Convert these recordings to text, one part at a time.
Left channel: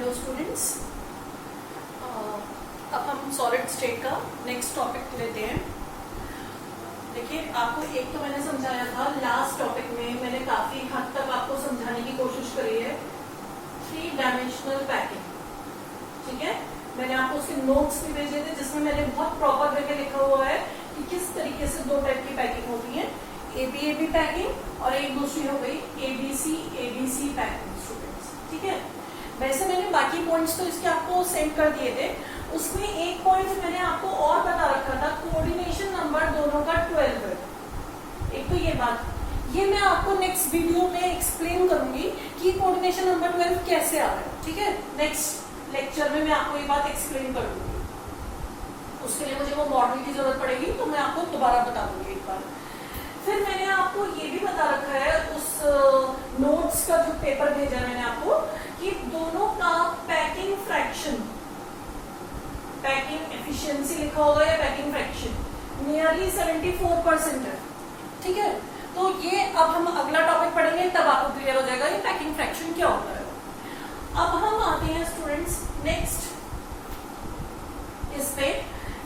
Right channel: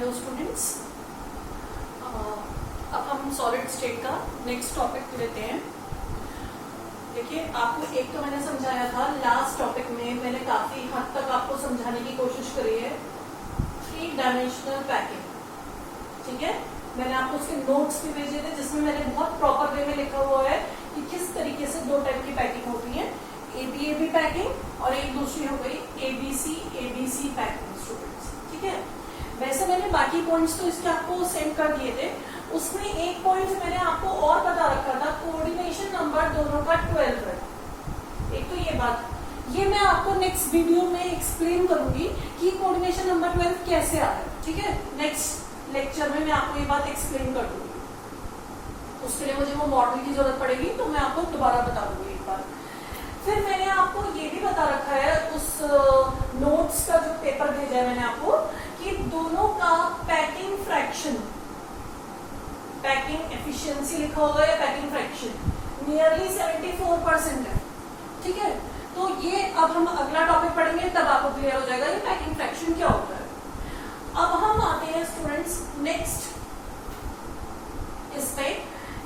Hello students, अब हम solid state का नेक्स्ट टॉपिक लेते हैं। देखिए, आपको एक तो मैंने समझाया था लास्ट टॉपिक में, मैंने काफी हद तक आपको समझाने की कोशिश करी है 3 डायमेंशनल पैकिंग। ठीक है, मैंने आपको उसके नोट्स भी भेजे थे जिसमें मैंने बहुत प्रॉपर वे में लिखा हुआ है कि किस तरीके से 2 टाइप की पैकिंग होती है, एबी पैकिंग और एक दूसरी हो गई एबीसी पैकिंग स्टूडेंट्स। ठीक है, वैसे मैंने बाकी पॉइंट्स तो इसके आपको सेंड कर दिए थे। उसमें एक पॉइंट मैंने आपको और बता रखा था, कोऑर्डिनेशन नंबर दोनों का 12 है। एक तो ये बात, ये मैं आपको नेक्स्ट वीडियो में एक्सप्लेन करूंगी कि कोऑर्डिनेशन नंबर 12 कैसे आ रहा है। ठीक है, नेक्स्ट लेक्चर में मैं आपको ये बात एक्सप्लेन कर दूंगी। उसके लिए मुझे वो मॉडल की जरूरत पड़ेगी, तो मैं आपको दोबारा बता दूंगी एक बार। फिर मैंने आपको ये भी बता रखा है उस नोट्स का जो पेपर भेजा है मैंने आपको, कि दोनों का पैकिंग फ्रैक्शन, पैकिंग एफिशिएंसी लिखा होगा या पैकिंग फ्रैक्शन नियरली 74% है। ठीक है, तो ये अब हम अगला टॉपिक पढ़ेंगे, तब आपको क्लियर हो जाएगा ये पैकिंग फ्रैक्शन क्या होता है। अब हम आते हैं स्टूडेंट्स नेक्स्ट इस पे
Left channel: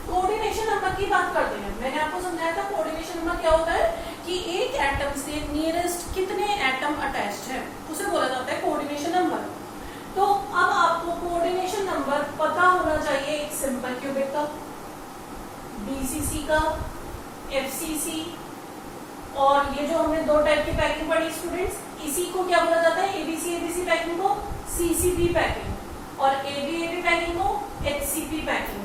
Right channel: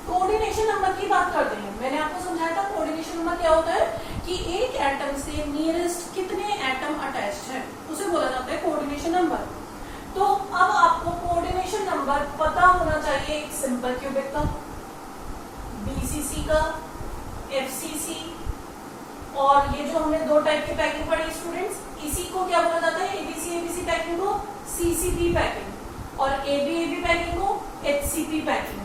कोऑर्डिनेशन नंबर की बात करते हैं। मैंने आपको समझाया था कोऑर्डिनेशन नंबर क्या होता है कि एक एटम से नियरेस्ट कितने एटम अटैच्ड है, उसे बोला जाता है कोऑर्डिनेशन नंबर। तो अब आपको कोऑर्डिनेशन नंबर पता होना चाहिए एक सिंपल क्यूबिक का, बीसीसी का, एफसीसी, और ये जो हमने 2 टाइप की पैकिंग पढ़ी स्टूडेंट्स, इसी को क्या बोला जाता है, एबीसी पैकिंग को सीसीपी पैकिंग, और एबी पैकिंग को एचसीपी पैकिंग।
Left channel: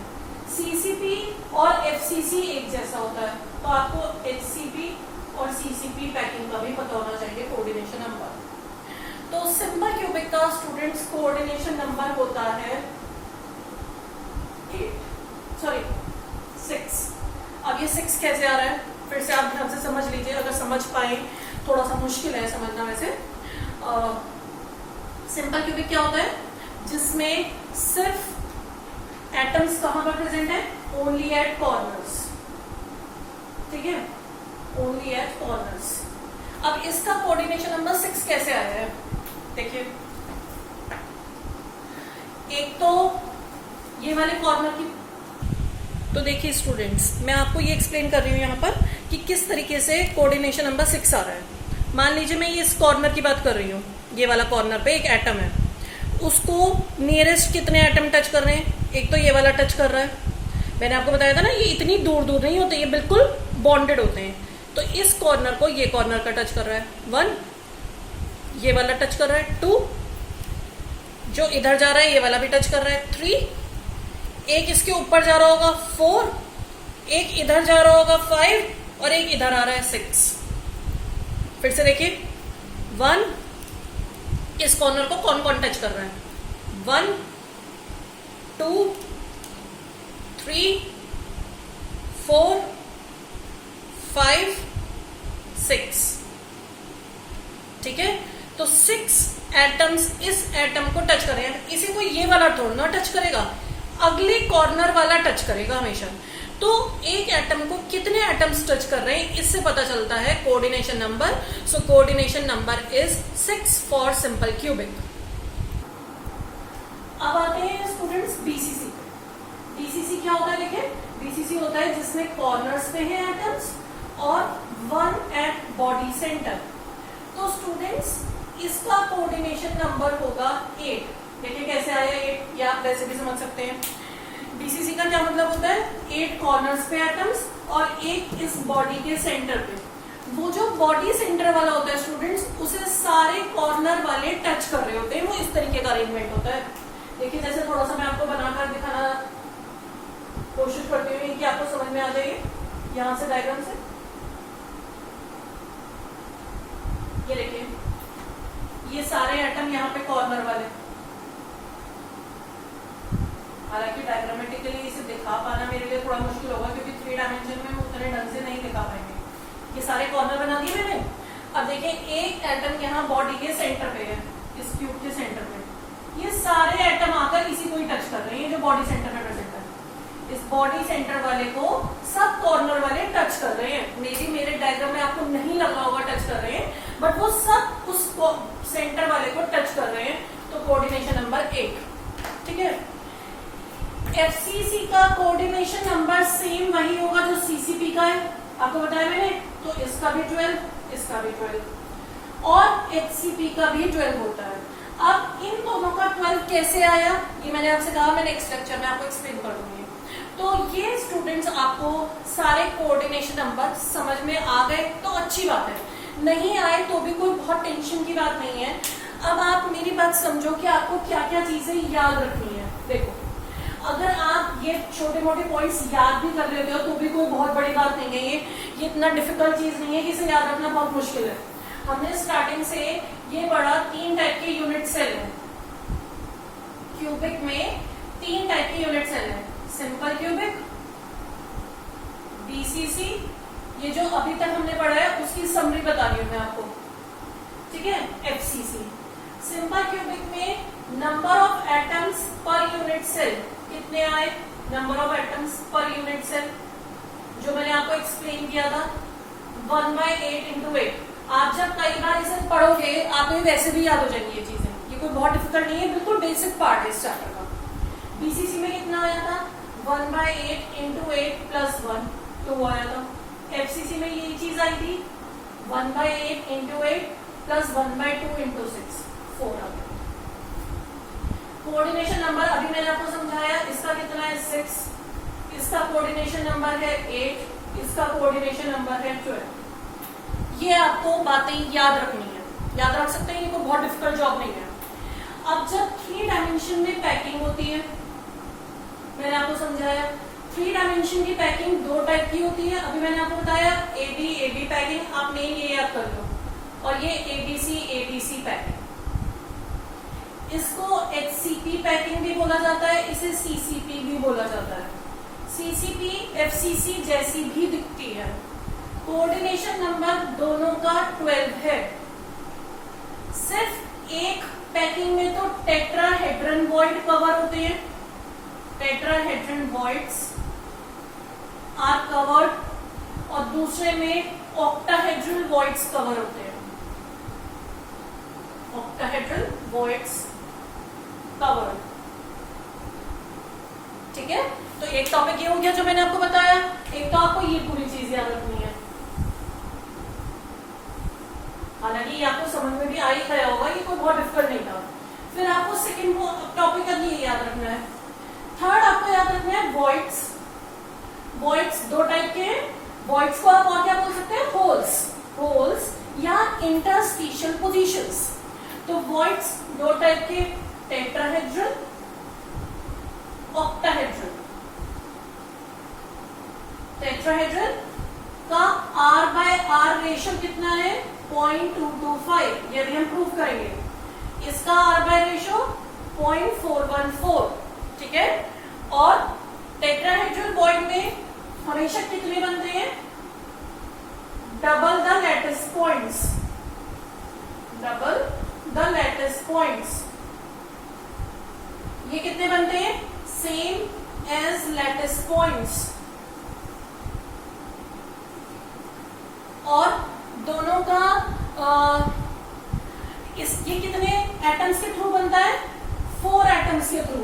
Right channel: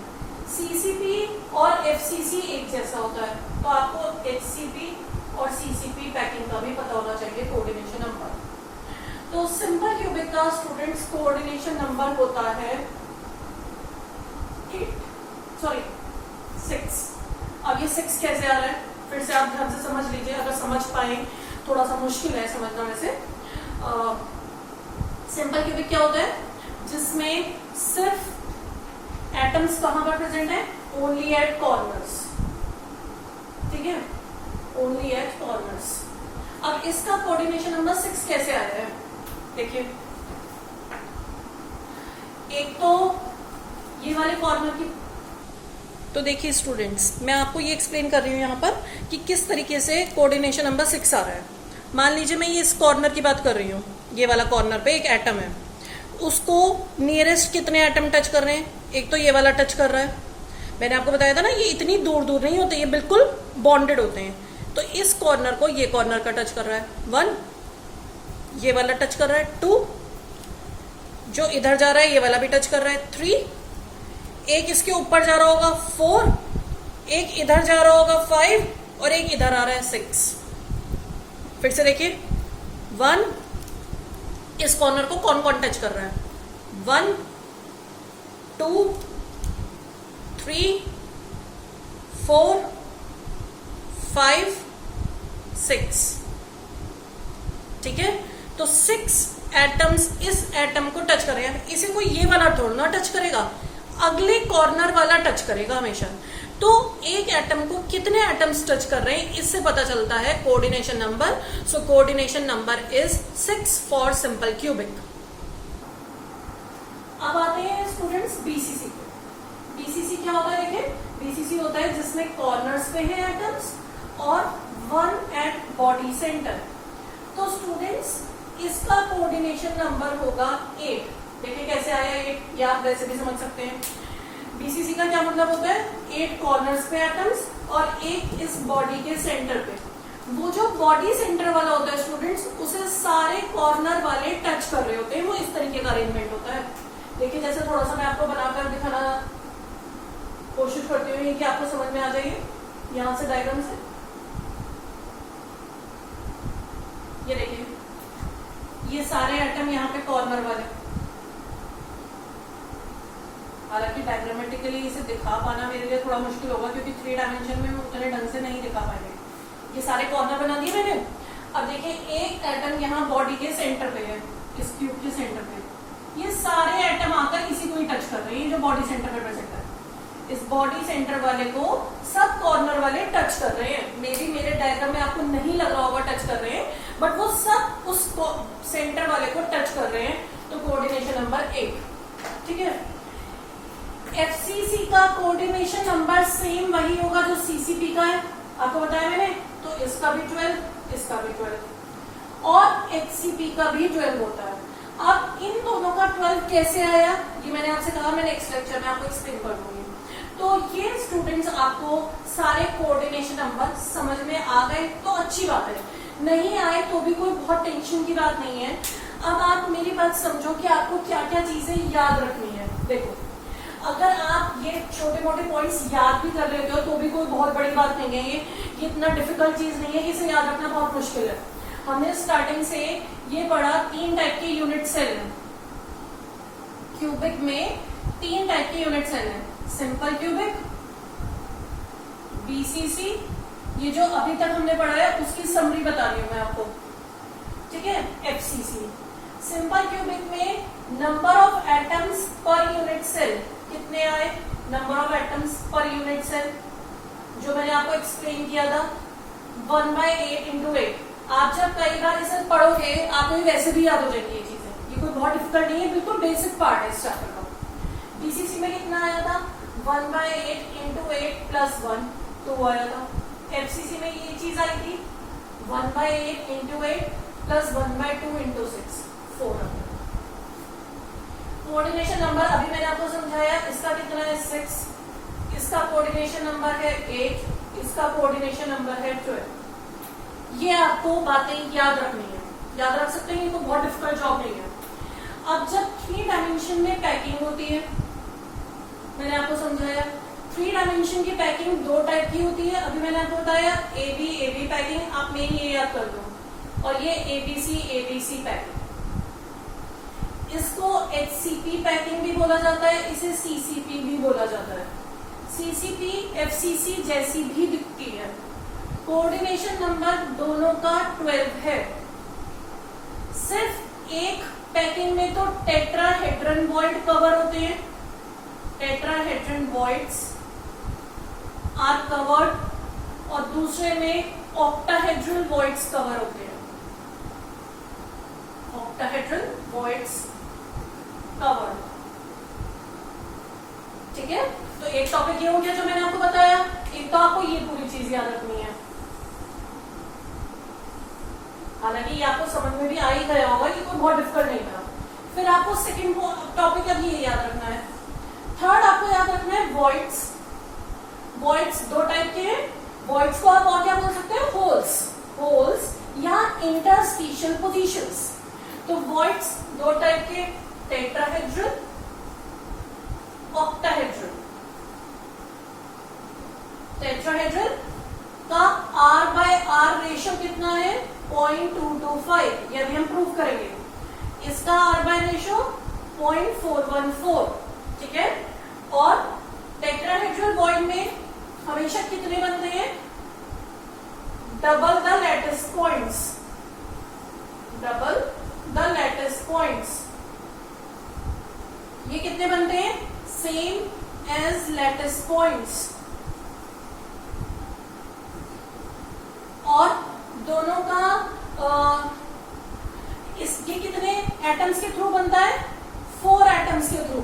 सीसीपी और एफसीसी एक जैसा होता है, तो आपको एचसीपी और सीसीपी पैकिंग का भी पता होना चाहिए कोऑर्डिनेशन नंबर। तो सिंपल क्यूबिक का स्टूडेंट्स कोऑर्डिनेशन नंबर होता है 6। अब ये 6 कैसे आ रहा है, फिर से आप ध्यान से समझ लीजिए, अगर समझ पाए, थोड़ा सा मुश्किल है समझना वैसे। सिंपल क्यूबिक क्या होता है, जिसमें सिर्फ एटम्स कहां पर प्रेजेंट है, ओनली एट कॉर्नर्स। ठीक है, ओनली एट कॉर्नर्स। अब इसका कोऑर्डिनेशन नंबर 6 कैसे आ रहा है, देखिए, एक तो ये वाले कॉर्नर की, तो देखिए स्टूडेंट्स, मैं आपको ये एक्सप्लेन कर रही हूं यहां पर कि किस तरीके से कोऑर्डिनेशन नंबर 6 आ रहा है। मान लीजिए मैं ये इस कॉर्नर की बात कर रही हूं, ये वाला कॉर्नर पे एक एटम है, उसको नियरेस्ट कितने एटम टच कर रहे हैं, एक तो ये वाला टच कर रहा है। मैंने आपको बताया था ना, ये इतनी दूर दूर नहीं होते, ये बिल्कुल बॉन्डेड होते हैं। तो इस कॉर्नर को ये कॉर्नर का टच कर रहा है 1, ये वाला टच कर रहा है 2, जो इधर जा रहा है ये वाला भी टच कर रहा है 3, एक इसके ऊपर जा रहा होगा 4, एक इधर जा रहा होगा 5, और एक इधर आ रहा है 6। फिर से देखिए, 1, इस कॉर्नर को कौन कौन टच कर रहा है, 1, 2, 3, 4, 5, 6। ठीक है, तो 6 एटम्स इस एटम को टच कर रहे हैं। इसी को ये वाला तोड़ना टच करेगा, अगले कॉर्नर वाला टच करेगा हमेशा। तो एक एटम को कितने एटम्स टच कर रहे हैं, इससे पता चलता है coordination number. So coordination number is 6 for simple cubic. अब आते हैं स्टूडेंट्स बीसीसी पे। बीसीसी क्या होता है, देखिए, बीसीसी होता है जिसमें कॉर्नर्स पे है एटम्स और 1 एट बॉडी सेंटर। तो स्टूडेंट्स इसका कोऑर्डिनेशन नंबर होगा 8। देखिए कैसे आया 8, या आप वैसे भी समझ सकते हैं। बीसीसी का क्या मतलब होता है, 8 कॉर्नर्स पे एटम्स और एक इस बॉडी के सेंटर पे। वो जो बॉडी सेंटर वाला होता है स्टूडेंट्स, उसे सारे कॉर्नर वाले टच कर रहे होते हैं। वो इस तरीके का अरेंजमेंट होता है। देखिए, जैसे थोड़ा सा मैं आपको बनाकर दिखाना कोशिश करती हूँ कि आपको समझ में आ जाइए, यहां से डायग्राम से। ये देखिए, ये सारे एटम यहाँ पे कॉर्नर वाले, हालांकि डायग्रामेटिकली इसे दिखा पाना मेरे लिए थोड़ा मुश्किल होगा, क्योंकि 3 डायमेंशन में हम उतने ढंग से नहीं दिखा पाएंगे। ये सारे कॉर्नर बना दिए मैंने। अब देखिए, एक एटम यहाँ बॉडी के सेंटर पे है, इस क्यूब के सेंटर पे। ये सारे एटम आकर इसी को ही टच कर रहे हैं, ये जो बॉडी सेंटर पे प्रेजेंट है। इस बॉडी सेंटर वाले को सब कॉर्नर वाले टच कर रहे हैं। मे बी मेरे डायग्राम में आपको नहीं लग रहा होगा टच कर रहे हैं, बट वो सब उस सेंटर वाले को टच कर रहे हैं। तो कोऑर्डिनेशन नंबर 8। ठीक है। एफसीसी का कोऑर्डिनेशन नंबर सेम वही होगा जो सीसीपी का है, आपको बताया मैंने। तो इसका भी 12, इसका भी 12 और एचसीपी का भी 12 होता है। अब इन दोनों का 12 कैसे आया, ये मैंने आपसे कहा, मैं नेक्स्ट लेक्चर में आपको एक्सप्लेन कर दूंगी। तो ये स्टूडेंट्स आपको सारे कोऑर्डिनेशन नंबर समझ में आ गए तो अच्छी बात है, नहीं आए तो भी कोई बहुत टेंशन की बात नहीं है। अब आप मेरी बात समझो कि आपको क्या क्या चीजें याद रखनी है। देखो, अगर आप ये छोटे मोटे पॉइंट्स याद भी कर लेते हो तो भी कोई बहुत बड़ी बात नहीं है। ये इतना डिफिकल्ट चीज नहीं है कि इसे याद रखना बहुत मुश्किल है। हमने स्टार्टिंग से ये पढ़ा 3 टाइप के यूनिट सेल है। क्यूबिक में 3 टाइप के यूनिट सेल है, सिंपल क्यूबिक, बीसीसी, ये जो अभी तक हमने पढ़ा है उसकी समरी बता रही हूं मैं आपको, ठीक है, एफसीसी। सिंपल क्यूबिक में number of atoms per unit cell कितने आए, number of atoms per unit cell जो मैंने आपको एक्सप्लेन किया था 1/8 into 8। आप जब कई बार इसे पढ़ोगे आपको वैसे भी याद हो जाएंगी ये चीजें, ये कोई बहुत डिफिकल्ट नहीं है, बिल्कुल बेसिक पार्ट है इस चैप्टर का। बीसीसी में कितना आया था 1/8 into 8 + 1 2 आया था। एफसीसी में ये चीज आई थी 1/8 into 8 + 1/2 into 6 4 आया। कोऑर्डिनेशन नंबर अभी मैंने आपको समझाया, इसका कितना है 6, इसका कोऑर्डिनेशन नंबर है 8, इसका कोऑर्डिनेशन नंबर है 12। ये आपको बातें याद रखनी है, याद रख सकते हैं, ये कोई बहुत डिफिकल्ट जॉब नहीं है। अब जब 3 डायमेंशन में पैकिंग होती है, मैंने आपको समझाया 3 डायमेंशन की पैकिंग 2 टाइप की होती है। अभी मैंने आपको बताया एबी पैकिंग, आप मेन ये याद कर लो, और ये एबीसी पैकिंग। इसको एचसीपी पैकिंग भी बोला जाता है, इसे सीसीपी भी बोला जाता है। सीसीपी एफसीसी जैसी भी दिखती है। कोऑर्डिनेशन नंबर दोनों का 12 है। सिर्फ एक पैकिंग में तो टेट्राहेड्रन वॉइड कवर होते हैं, टेट्राहेड्रन वॉइड्स आर कवर्ड, और दूसरे में ऑक्टाहेड्रल वॉइड्स कवर होते हैं, ऑक्टाहेड्रल वॉइड्स कवर, ठीक है। तो एक टॉपिक ये हो गया जो मैंने आपको बताया, एक तो आपको ये पूरी चीज याद रखनी है। हालांकि ये आपको समझ में भी आ ही गया होगा, ये कोई बहुत डिफिकल्ट नहीं था। फिर आपको सेकंड टॉपिक अब ये याद रखना है। थर्ड आपको याद रखना है वॉइड्स। वॉइड्स 2 टाइप के हैं। वॉइड्स को आप और क्या बोल सकते हैं, होल्स या इंटरस्टिशियल पोजीशंस। तो वॉइड्स 2 टाइप के, टेट्राहेड्रल, ऑक्टाहेड्रल। टेट्राहेड्रल का R/R रेशियो कितना है 0.225, ये भी हम प्रूव करेंगे। इसका R/R रेशियो 0.414, ठीक है। और टेट्राहेड्रल वॉइड में हमेशा कितने बनते हैं, double the lattice points, double the lattice points. ये कितने बनते हैं, सेम एज लैटिस पॉइंट्स। और दोनों का ये कितने एटम्स के थ्रू बनता है, 4 एटम्स के थ्रू।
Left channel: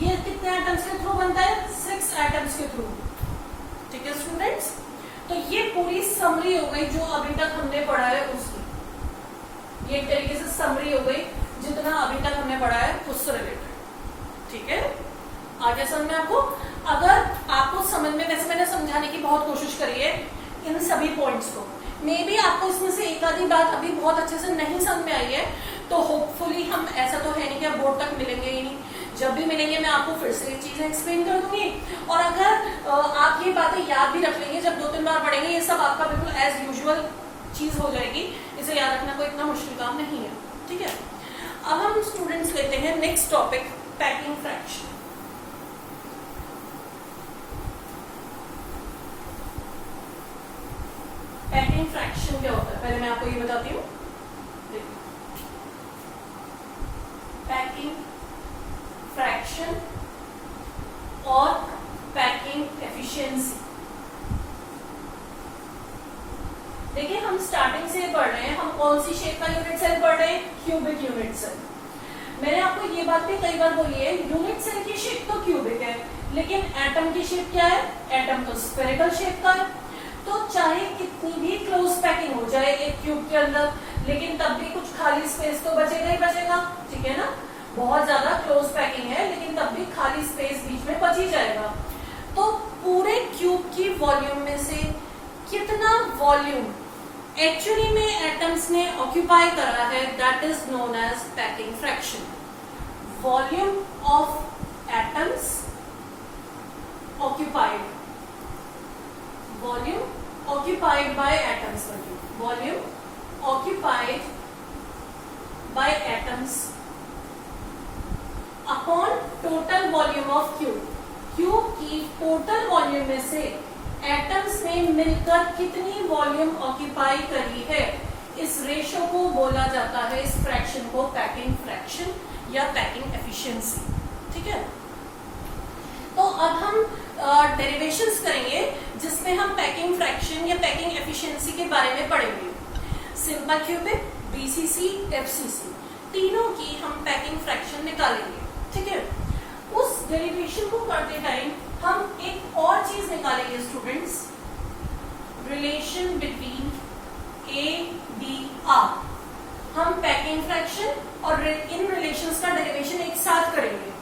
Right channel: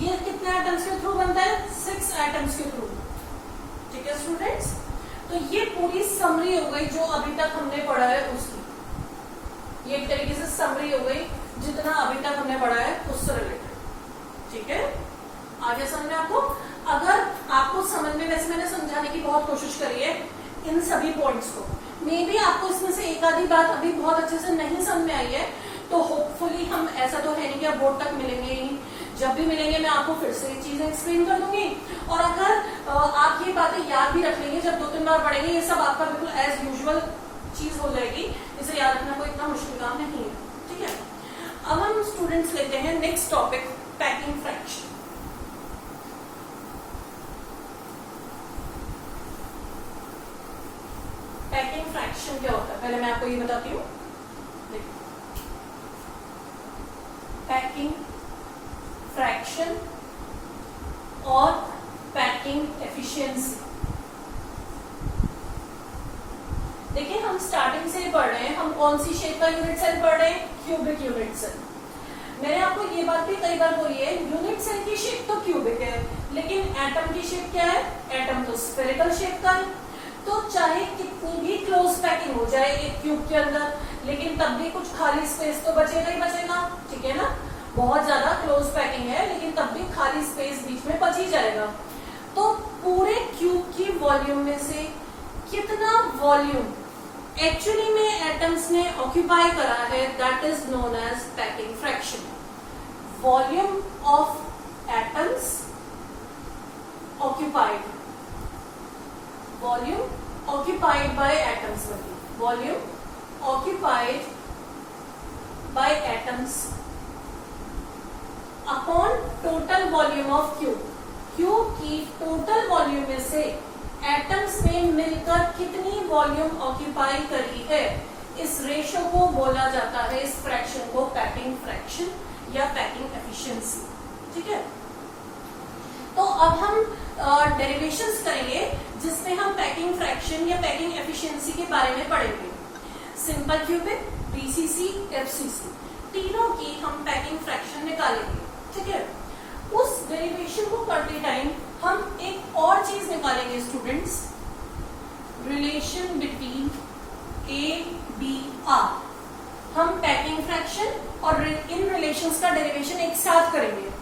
ये कितने एटम्स के थ्रू बनता है, 6 एटम्स के थ्रू, ठीक है स्टूडेंट्स। तो ये पूरी समरी हो गई जो अभी तक हमने पढ़ा है उसकी, ये एक तरीके से समरी हो गई जितना अभी तक हमने पढ़ा है उससे रिलेटेड, ठीक है। आगे समझ में आपको, अगर आपको समझ में, वैसे मैंने समझाने की बहुत कोशिश करी है इन सभी पॉइंट्स को, मे बी आपको इसमें से एक आधी बात अभी बहुत अच्छे से नहीं समझ में आई है, तो होपफुली हम, ऐसा तो है नहीं कि आप बोर्ड तक मिलेंगे ही नहीं, जब भी मिलेंगे मैं आपको फिर से ये चीजें एक्सप्लेन कर दूंगी। और अगर आप ये बातें याद भी रख लेंगे, जब 2-3 बार पढ़ेंगे ये सब आपका बिल्कुल एज यूजुअल चीज हो जाएगी, इसे याद रखना कोई इतना मुश्किल काम नहीं है, ठीक है। अब हम स्टूडेंट्स लेते हैं next topic, packing fraction. Packing fraction क्या होता है, पहले मैं आपको ये बताती हूँ। पैकिंग फ्रैक्शन और पैकिंग एफिशिएंसी। देखिए हम स्टार्टिंग से पढ़ रहे हैं, हम कौन सी शेप का यूनिट सेल पढ़ रहे हैं, क्यूबिक यूनिट सेल। मैंने आपको ये बात भी कई बार बोली है, यूनिट सेल की शेप तो क्यूबिक है, लेकिन एटम की शेप क्या है? एटम तो स्फेरिकल शेप का है। तो चाहे कितनी भी क्लोज पैकिंग हो जाए एक क्यूब के अंदर, लेकिन तब भी कुछ खाली स्पेस तो बचेगा ही बचेगा, ठीक है ना? बहुत ज्यादा क्लोज पैकिंग है, लेकिन तब भी खाली स्पेस बीच में बच ही जाएगा। तो पूरे क्यूब की वॉल्यूम में से कितना वॉल्यूम एक्चुअली में एटम्स ने ऑक्यूपाई करा है, that is known as packing fraction. Volume of atoms occupied, volume occupied by atoms, volume occupied by atoms upon total volume of cube. Cube की टोटल वॉल्यूम में से एटम्स ने मिलकर कितनी वॉल्यूम ऑक्यूपाई करी है, इस रेशो को बोला जाता है, इस फ्रैक्शन को पैकिंग फ्रैक्शन या पैकिंग एफिशिएंसी, ठीक है? तो अब हम डेरिवेशंस करेंगे जिसमें हम पैकिंग फ्रैक्शन या पैकिंग एफिशिएंसी के बारे में पढ़ेंगे। सिंपल क्यूबिक, बीसीसी, एफसीसी, तीनों की हम पैकिंग फ्रैक्शन निकालेंगे, ठीक है? उस डेरिवेशन को करते टाइम हम एक और चीज निकालेंगे students, relation between A B R. हम पैकिंग फ्रैक्शन और इन रिलेशंस का डेरिवेशन एक साथ करेंगे।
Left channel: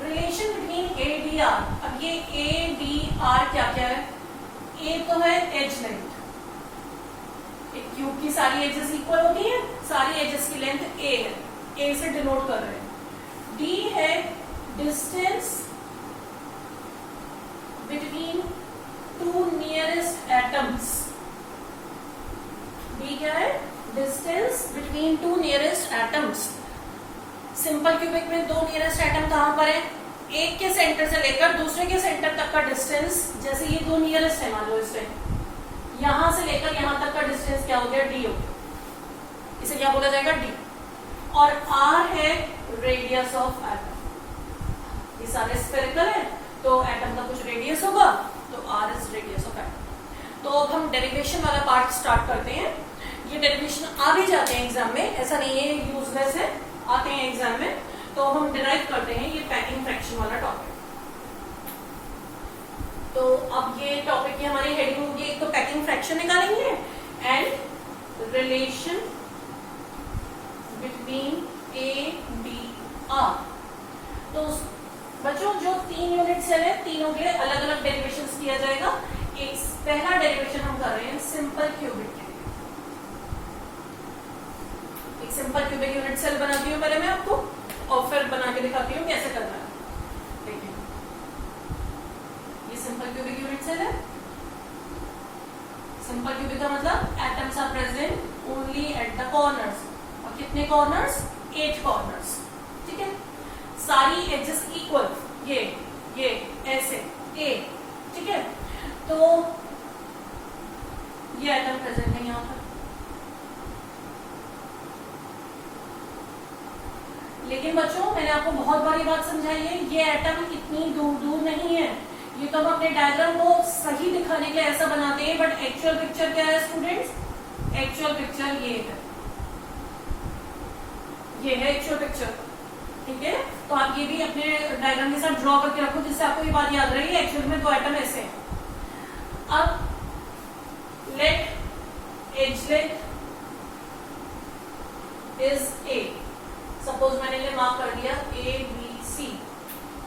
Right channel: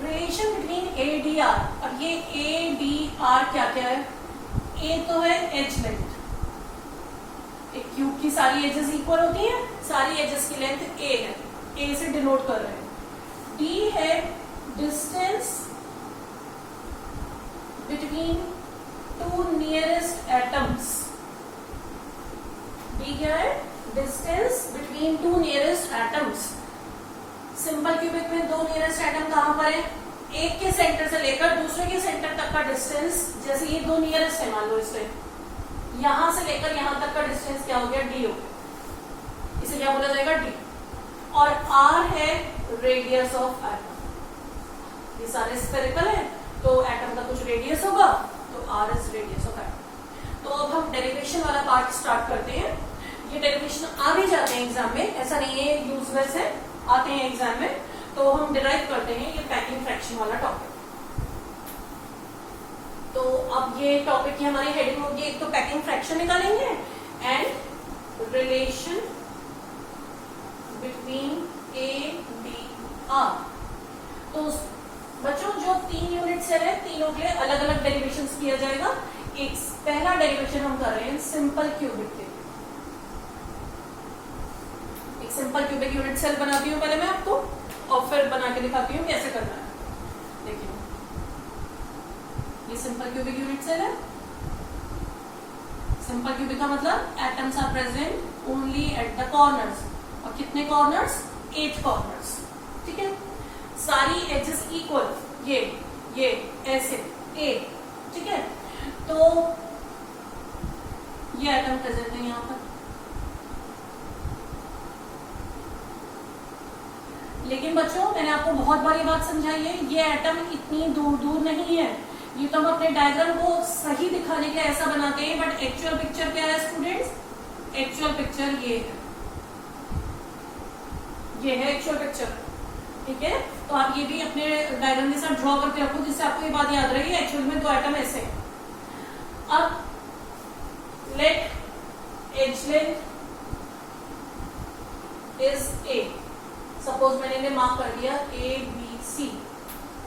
Relation between A B R, अब ये ए बी आर क्या क्या है? ए तो है एज लेंथ, एक क्यूब की सारी एजेस इक्वल होती हैं, सारी एजेस की लेंथ ए है, ए से डिनोट कर रहे हैं। डी है distance between two nearest atoms, D क्या है? Distance between two nearest atoms. Simple cubic में दो नियरेस्ट एटम कहां पर है? एक के सेंटर से लेकर दूसरे के सेंटर तक का डिस्टेंस, जैसे ये दो नियरेस्ट है मान लो, इससे यहां से लेकर यहां तक का डिस्टेंस क्या हो गया? डी हो गया, इसे क्या बोला जाएगा? डी। और आर है रेडियस ऑफ एटम, ये सारे स्फेरिकल है तो एटम का कुछ रेडियस होगा, तो R is radius of atom. तो अब हम डेरिवेशन वाला पार्ट स्टार्ट करते हैं। ये डेरिवेशन आ भी जाते हैं एग्जाम में, ऐसा नहीं है यूजलेस है, आते हैं एग्जाम में। तो हम डिराइव करते हैं ये पैकिंग फ्रैक्शन वाला टॉपिक। तो अब ये टॉपिक की हमारी हेडिंग होगी, एक तो पैकिंग फ्रैक्शन निकालेंगे and relation between A B R. तो बच्चों जो 3 यूनिट सेल है, तीनों के लिए अलग अलग डेरिवेशंस किया जाएगा। एक पहला डेरिवेशन हम कर रहे हैं सिंपल क्यूबिक के लिए। एक सिंपल क्यूबिक यूनिट सेल बनाती हूँ पहले मैं आपको, और फिर बना के दिखाती हूँ कैसे करना है। देखिए ये सिंपल क्यूबिक यूनिट सेल है। सिंपल क्यूबिक का मतलब atoms are present only at the corners. और कितने कॉर्नर्स? 8 कॉर्नर्स, ठीक है? सारी एजेस इक्वल, ये ऐसे ए, ठीक है? तो ये एटम प्रेजेंट है यहां पर, लेकिन बच्चों मैंने आपको बहुत बार ये बात समझाई है, ये एटम इतनी दूर दूर नहीं है। ये तो हम अपने डायग्राम को सही दिखाने के लिए ऐसा बनाते हैं, बट एक्चुअल पिक्चर क्या है स्टूडेंट्स? एक्चुअल पिक्चर ये है एक्चुअल पिक्चर, ठीक है? तो आप ये भी अपने डायग्राम के साथ ड्रॉ करके रखो, जिससे आपको ये बात याद रही है एक्चुअल में दो एटम ऐसे हैं। अब let edge length is A, suppose मैंने इन्हें मार्क कर दिया ए बी सी,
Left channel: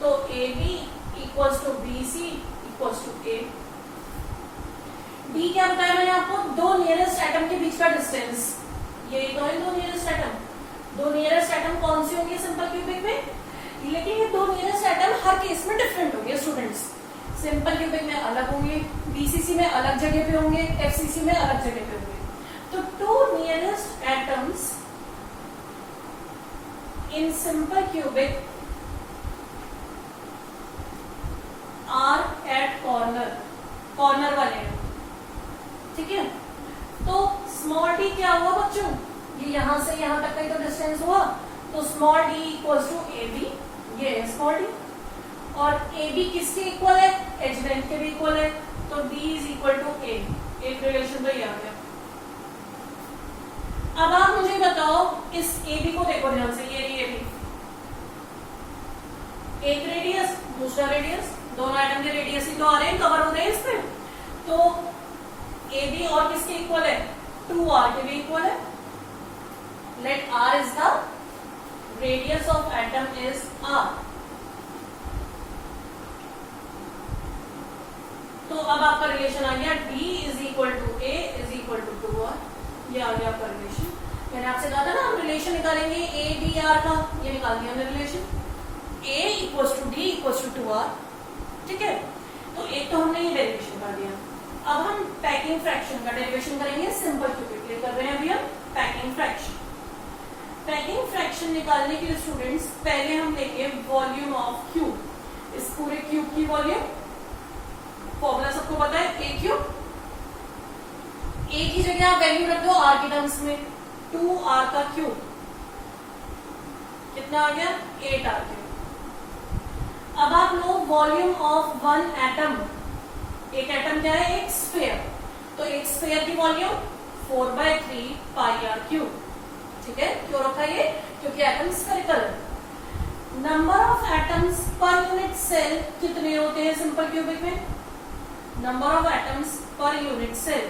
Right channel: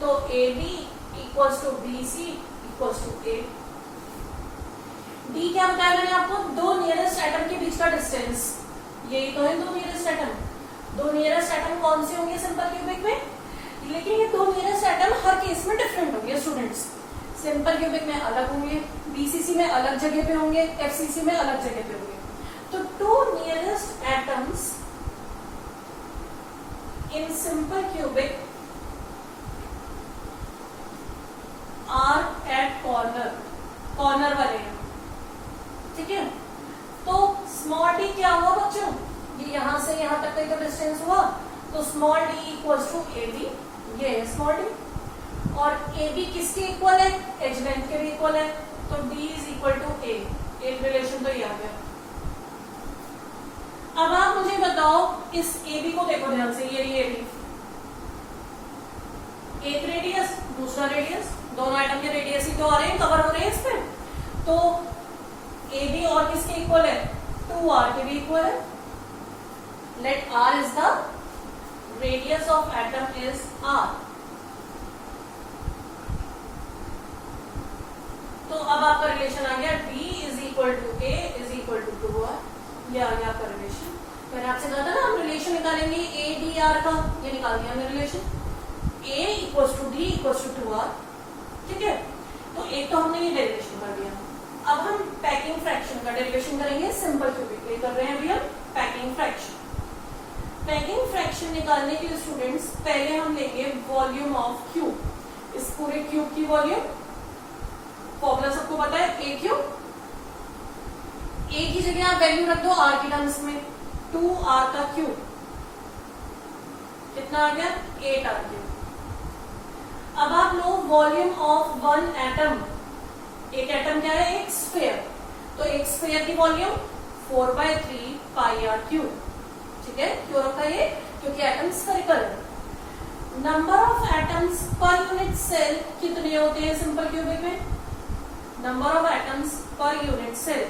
तो A B equals to B C equals to A. D क्या बताया मैंने आपको? दो नियरेस्ट एटम के बीच का डिस्टेंस, यही तो है दो नियरेस्ट एटम। दो नियरेस्ट एटम कौन से होंगे सिंपल क्यूबिक में? लेकिन ये दो नियरेस्ट एटम हर केस में डिफरेंट होंगे स्टूडेंट्स। सिंपल क्यूबिक में अलग होंगे, बीसीसी में अलग जगह पे होंगे, एफसीसी में अलग जगह पे होंगे। तो two nearest atoms in simple cubic are at corner, corner वाले हैं, ठीक है? तो स्मॉल डी क्या हुआ बच्चों? ये यहां से यहां तक का ही तो डिस्टेंस हुआ, तो small D equals to A B, ये है स्मॉल डी। और ए बी किसके इक्वल है? एज लेंथ के भी इक्वल है, तो D is equal to A. एक रिलेशन तो ये आ गया। अब आप मुझे बताओ इस ए बी को देखो ध्यान से, ये ए बी, एक रेडियस दूसरा रेडियस, दोनों एटम के रेडियस ही तो आ रहे हैं, कवर हो रहे हैं इसमें। तो ए बी और किसके इक्वल है, 2r के भी इक्वल है। Let r is the radius of atom is r। तो अब आपका रिलेशन आ गया d is equal to a is equal to 2r। ये आ गया आपका रिलेशन। मैंने आपसे कहा था ना हम रिलेशन निकालेंगे a d r का, ये निकाल दिया हमने relation. a equals to d equals to 2r, ठीक है। तो एक तो हमने ये डेरिवेशन कर दिया। अब हम पैकिंग फ्रैक्शन का डेरिवेशन करेंगे, सिंपल क्यूबिक के कर रहे हैं अभी हम पैकिंग फ्रैक्शन। पैकिंग फ्रैक्शन निकालने के लिए स्टूडेंट्स पहले हम लेंगे वॉल्यूम ऑफ क्यूब। इस पूरे क्यूब की वॉल्यूम, फॉर्मूला सबको पता है, ए क्यूब। ए की जगह आप वैल्यू रख दो आर के टर्म्स में, 2r का क्यूब कितना आ गया, 8r क्यूब। अब आप low volume of one atom. एक एटम क्या है, एक स्फीयर। तो एक स्फीयर की वॉल्यूम 4/3 πr क्यूब, ठीक है। क्यों रखा ये, क्योंकि एटम स्फेरिकल है। Number of atoms per unit cell कितने होते हैं सिंपल क्यूबिक में, number of atoms per unit cell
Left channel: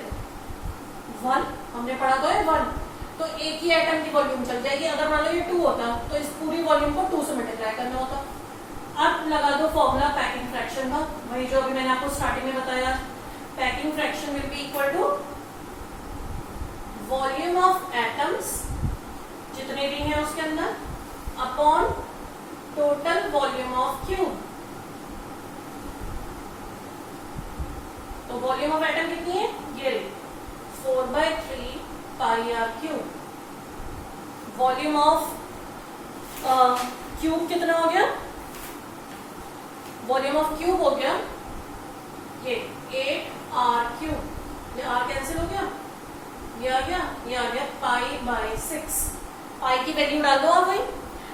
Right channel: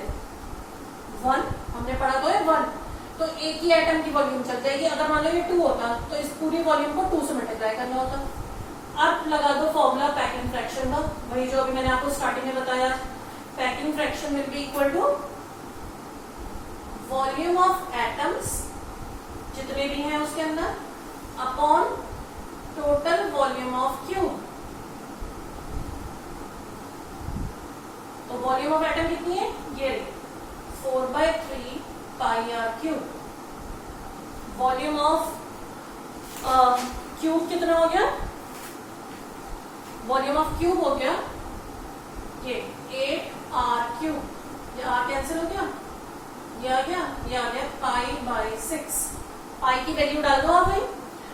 1, हमने पढ़ा तो है 1। तो एक ही एटम की वॉल्यूम चल जाएगी। अगर मान लो ये 2 होता तो इस पूरी वॉल्यूम को 2 से मल्टीप्लाई करना होता। अब लगा दो फॉर्मूला पैकिंग फ्रैक्शन का, वही जो अभी मैंने आपको स्टार्टिंग में बताया। Packing fraction will be equal to volume of atoms, जितने भी हैं उसके अंदर, upon total volume of cube. तो वॉल्यूम ऑफ एटम कितनी है, ये 4/3 πr cube. Volume of cube कितना हो गया, वॉल्यूम ऑफ क्यूब हो गया ये 8r क्यूब। ये r कैंसिल हो गया, ये आ गया, ये आ गया π/6। पाई की वैल्यू डाल दो आप भाई,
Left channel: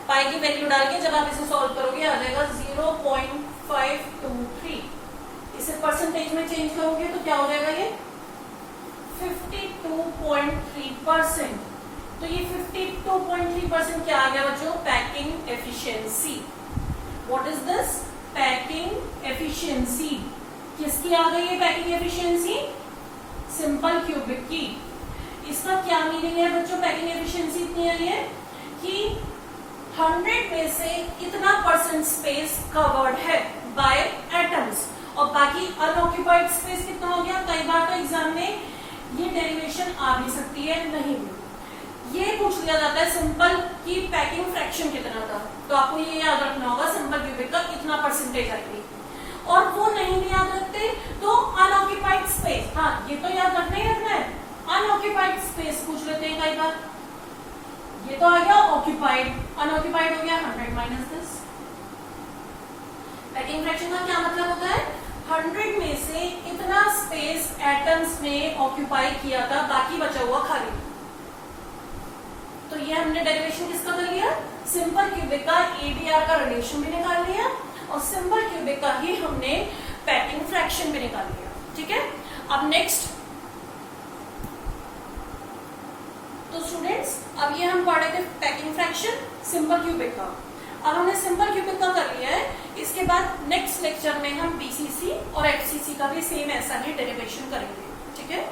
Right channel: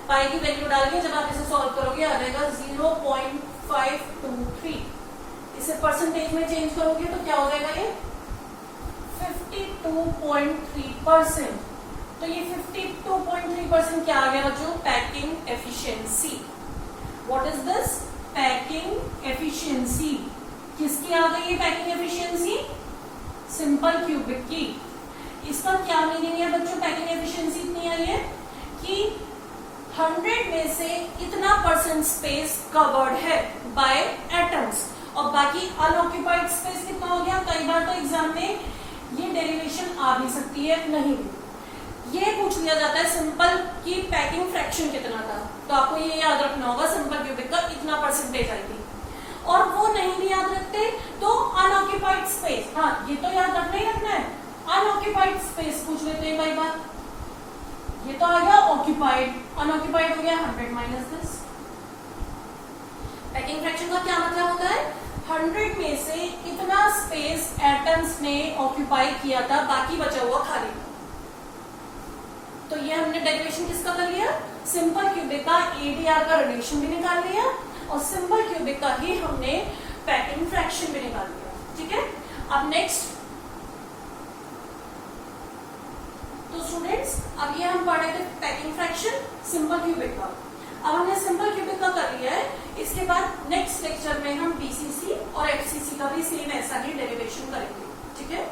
पाई की वैल्यू डाल के जब आप इसे सॉल्व करोगे आ जाएगा 0.523। इसे परसेंटेज में चेंज करोगे तो क्या हो जाएगा, ये 52.3%। तो ये 52.3% क्या आ गया बच्चों, packing efficiency. What is this, packing efficiency. किसकी आ गई है पैकिंग एफिशिएंसी, सिंपल क्यूबिक की। इसका क्या मीनिंग है बच्चों, पैकिंग एफिशिएंसी इतनी आई है कि 100 में से इतना % स्पेस कवर्ड है बाय एटम्स, और बाकी अनऑक्यूपाइड स्पेस कितना हो गया। कई बार तो एग्जाम में ये डेरिवेशन आ भी सकती है, नहीं भी। ये पूछ लिया जाता है सिंपल की पैकिंग फ्रैक्शन कितना था, तो आपको ये याद रखना होगा सिंपल क्यूबिक का इतना % आएगी। और वो नहीं भी याद रखते तो अनऑक्यूपाइड स्पेस, हाँ ये तो याद रखना ही रखना है। अनऑक्यूपाइड स्पेस पूछ लेते हैं कई बार। ये तो आ गया ऑक्यूपाइड, अनऑक्यूपाइड हो गया 100 माइनस दिस। पैकिंग फ्रैक्शन का क्या मतलब होता है, 100 में से इतना स्पेस एटम्स ने ऑक्यूपाई किया था, बाकी बचा हुआ खाली। तो ये हमने डेरिवेशन किसका कर लिया, सिंपल क्यूबिक का एडीआर का रिलेशन भी निकाल लिया, और सिंपल क्यूबिक का ही हमने पैकिंग फ्रैक्शन भी निकाल लिया, ठीक है। अब नेक्स्ट, तो स्टूडेंट्स अब ये हम पढ़ रहे थे पैकिंग फ्रैक्शन सिंपल क्यूबिक का। अब हमने सिंपल क्यूबिक का कर लिया है, इसके बाद नेक्स्ट लेक्चर में हम बीसीसी और एफसीसी का भी सेम ऐसा ही डेरिवेशन करेंगे, ठीक है।